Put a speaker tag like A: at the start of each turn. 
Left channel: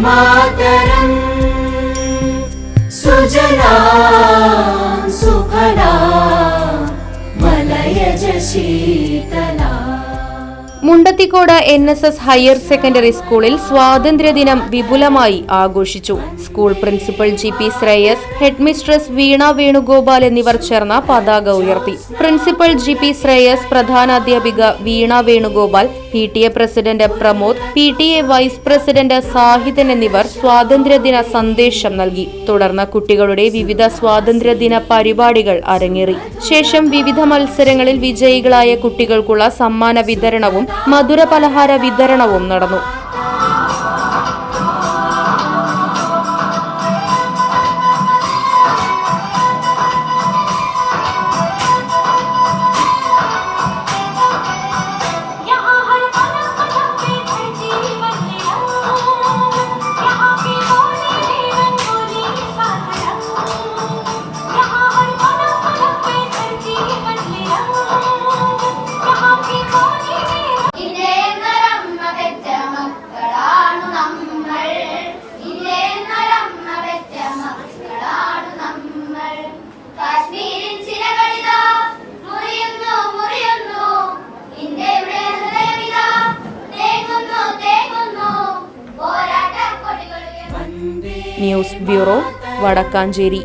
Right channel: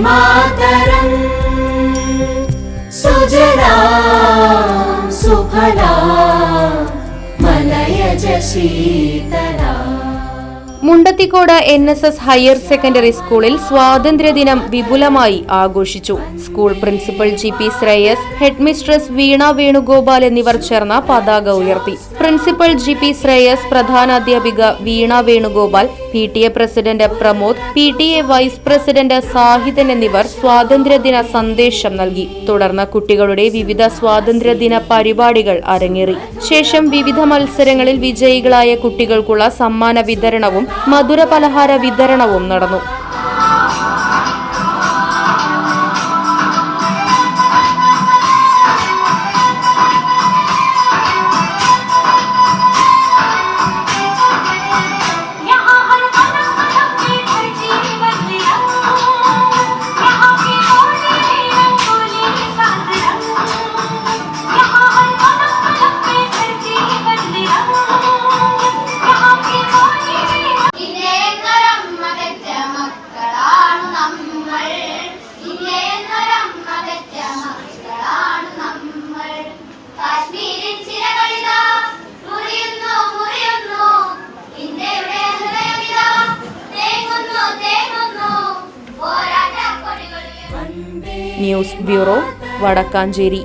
A: मातरम् सुजला सुफला मलयज Sheetla
B: Mundathikode N S S higher secondary സ്കൂളിൽ സ്വാതന്ത്ര്യദിനം വിപുലമായി ആഘോഷിച്ചു school principal G P Shreyas head mistress Veena Venugopal എന്നിവർ ചേർന്ന പതാക ഉയർത്തി പ്രിൻസിപ്പൽ ജി പി ശ്രേയസ് പ്രധാനാധ്യാപിക വീണ Venugopal P T A president Pramod P T A vice president Sahithan എന്നിവർ സ്വാതന്ത്ര്യദിന സന്ദേശം നൽകി. തുടർന്ന് കുട്ടികളുടെ വിവിധ സ്വാതന്ത്ര്യദിന പരിപാടികൾ അരങ്ങേറി. ശേഷം വിവിധ മത്സരങ്ങളിൽ വിജയികളായ കുട്ടികൾക്കുള്ള സമ്മാന വിതരണവും മധുര പലഹാര വിതരണവും നടന്നു. News bureau Vadakkanchery